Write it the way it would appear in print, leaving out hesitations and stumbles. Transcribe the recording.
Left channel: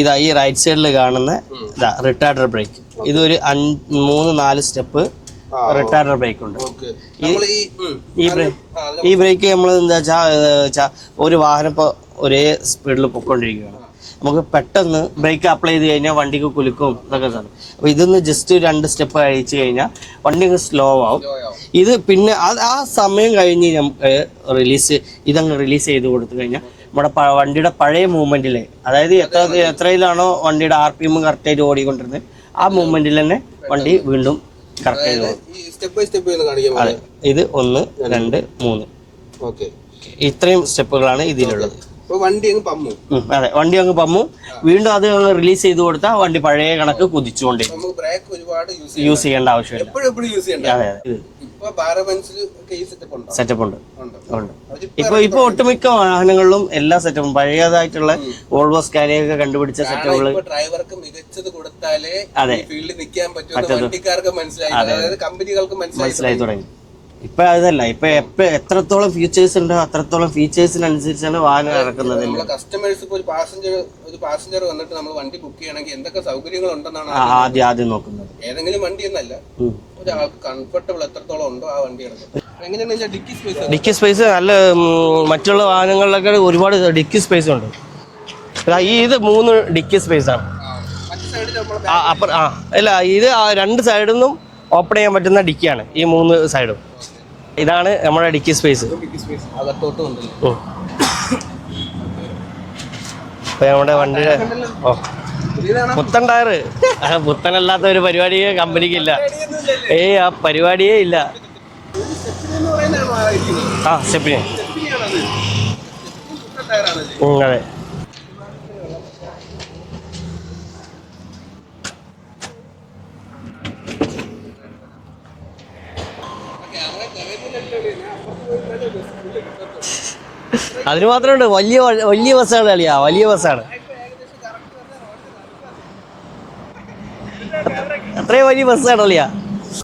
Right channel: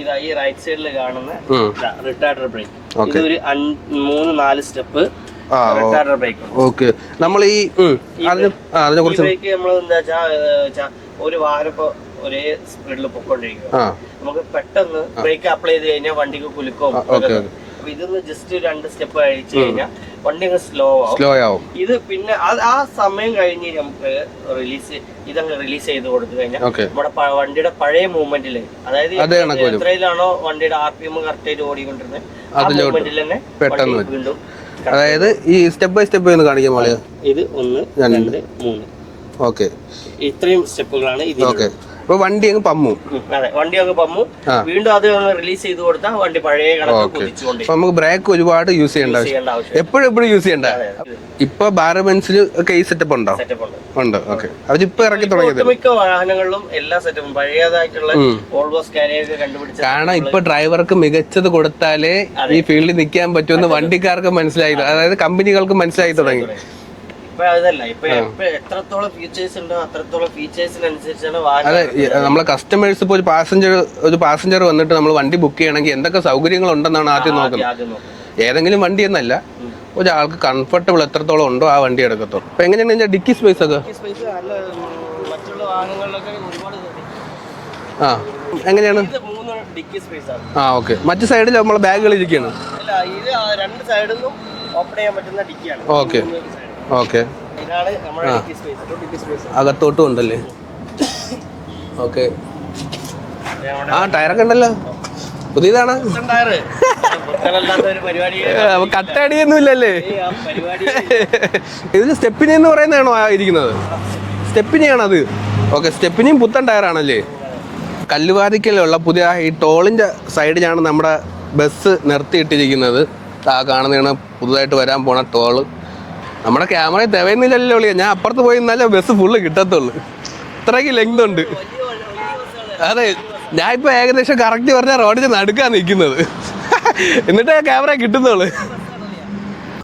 ഇതാ ഈ റൈറ്റ് സൈഡിൽ കാണുന്ന റിട്ടാർഡർ ബ്രേക്ക്. ഇതൊരു 3-4 സ്റ്റെപ്പ് റിട്ടാർഡർ ബ്രേക്ക് ഉണ്ട്. ഓക്കെ. നമ്മൾ ഈ ബ്രേക്ക് നമ്മൾ എന്താ വെച്ചാൽ ഒരു വാഹനം ഇപ്പൊ ഒരേ സ്പീഡിൽ പൊക്കോണ്ടിരിക്കുക, നമുക്ക് പെട്ടെന്ന് ബ്രേക്ക് അപ്ലൈ ചെയ്ത് കഴിഞ്ഞാൽ വണ്ടിക്ക് കുലുക്കും. അപ്പൊ ഇതൊന്ന് ജസ്റ്റ് 2 സ്റ്റെപ്പ് കഴിച്ചു കഴിഞ്ഞാൽ വണ്ടി സ്ലോ ആവും. ഇത് പിന്നെ ആ സമയം കഴിഞ്ഞ് നമുക്ക് ഇതങ്ങ് റിലീസ് ചെയ്ത് കൊടുത്തു കഴിഞ്ഞാൽ നമ്മുടെ വണ്ടിയുടെ പഴയ മൂവ്മെന്റില്, അതായത് എത്രയിലാണോ വണ്ടിയുടെ RPM കറക്റ്റ് ആയിട്ട് ഓടിക്കൊണ്ടിരുന്നത് ആ മൂവ്മെന്റിൽ തന്നെ വണ്ടി വീണ്ടും. അതായത് ഈ സ്റ്റെപ്പ് ബൈ സ്റ്റെപ്പ് എന്ന് കാണിക്കാൻ ഇത് 1 2 3 ഓക്കെ, ഇത്രയും സ്റ്റെപ്പുകളാണ് ഇതിലുള്ളത്. വണ്ടി അങ്ങ് പമ്മും. അതെ, വണ്ടി അങ്ങ് പമ്മും. വീണ്ടും അത് റിലീസ് ചെയ്ത് കൊടുത്താൽ വണ്ടി പഴയ കണക്ക് കുതിച്ചുകൊണ്ട് നമുക്ക് ബ്രേക്ക് ഒരുപാട് യൂസ് ചെയ്യേണ്ട ആവശ്യം എപ്പോഴും യൂസ് ചെയ്യണ്ട. ഇപ്പൊ ബാരബൻസിൽ ഒക്കെ ഈ സെറ്റപ്പ് ഉണ്ടോ? സെറ്റപ്പ് ഉണ്ട്. ഇപ്പൊ ഒട്ടുമിക്ക വാഹനങ്ങളിലും എല്ലാ സെറ്റപ്പും പഴയതായിട്ടുള്ള വോൾവോ സ്കാനിയ ഒക്കെ കണ്ടുപിടിച്ച. കാരണം ഇപ്പൊ ഡ്രൈവർക്ക് മികച്ചത് കൊടുത്താലേ ഈ ഫീൽഡിൽ നിൽക്കാൻ പറ്റുമെന്ന് വണ്ടിക്കാർക്ക് മനസ്സിലായി, അതായത് കമ്പനികൾക്ക് മനസ്സിലായി തുടങ്ങി. ഇപ്പൊ അതല്ല, ഇപ്പൊ എത്രത്തോളം ഫീച്ചേഴ്സ് ഉണ്ടോ അത്രത്തോളം ഫീച്ചേഴ്സിനനുസരിച്ചാണ് വാഹനം. നമ്മളെ കസ്റ്റമേഴ്സ് ഇപ്പൊ ഒരു പാസഞ്ചർ വന്നിട്ട് നമ്മൾ വണ്ടി ബുക്ക് ചെയ്യണമെങ്കിൽ എന്തൊക്കെ സൗകര്യങ്ങൾ ഉണ്ടെന്നാണ് ആദ്യം നോക്കുന്നത്. ഏതെങ്കിലും വണ്ടി എന്നല്ല, ഒരാൾക്ക് കംഫർട്ടബിൾ എത്രത്തോളം ഉണ്ടോ ആ വണ്ടി എടുക്കത്തുള്ളൂ. അപ്പൊ എങ്ങനെയാണെന്ന് ഡിക്കി സ്പേസ് നല്ല മറ്റുള്ള വാഹനങ്ങളിലൊക്കെ ഒരുപാട് ഡിക്കി സ്പേസ് ഉണ്ട്. ഇത് 3 ഡിക്കി സ്പേസ് ആണ്. മറ്റു സൈഡിൽ നമ്മൾ ബാഗുകൾ അല്ല, ഇത് 2 സൈഡിൽ നിന്നും ഓപ്പൺ ചെയ്യാൻ പറ്റുന്ന ഡിക്കിയാണ് ഈ 3 സൈഡും. ഇതാണ് നമ്മുടെ ഡിക്കി സ്പേസ്. അകത്തോട്ടും ഉണ്ടല്ലേ? ഓക്കെ. പുത്തൻ ടയർ, പുത്തനല്ലാത്ത ഒരു പരിപാടിയേ ഇല്ല. ഇത് സ്റ്റെപ്പിനി എന്ന് പറയുന്നതാണോ ഇരിക്കുന്നത്? സ്റ്റെപ്പിനിയാണ് അത്. ഓക്കെ, സ്റ്റെപ്പിനിയും പുത്തൻ ടയറാണല്ലേ? കല്ലുവാതിക്കലുള്ള പുതിയ ഈ ടോളിന്റെ സൈഡിലാണ് നമ്മുടെ ബസ് നിർത്തിയിട്ടിരിക്കുന്നത്. കാണുന്നതാണ് പുതുതായിട്ട് വരാൻ പോണ ടോള്. നമ്മുടെ ക്യാമറയിൽ തെവയുന്നില്ലല്ലോ. ഞാൻ അപ്പുറത്ത് പോയി നിന്നാലേ ബസ് ഫുള്ള് കിട്ടത്തുള്ളൂ. ഞാൻ ഇപ്പൊ ഏകദേശം കറക്റ്റ് പറഞ്ഞ റോഡിന് നടുക്കാ നിൽക്കുന്നത്, എന്നിട്ട് ക്യാമറ കിട്ടുന്നത്.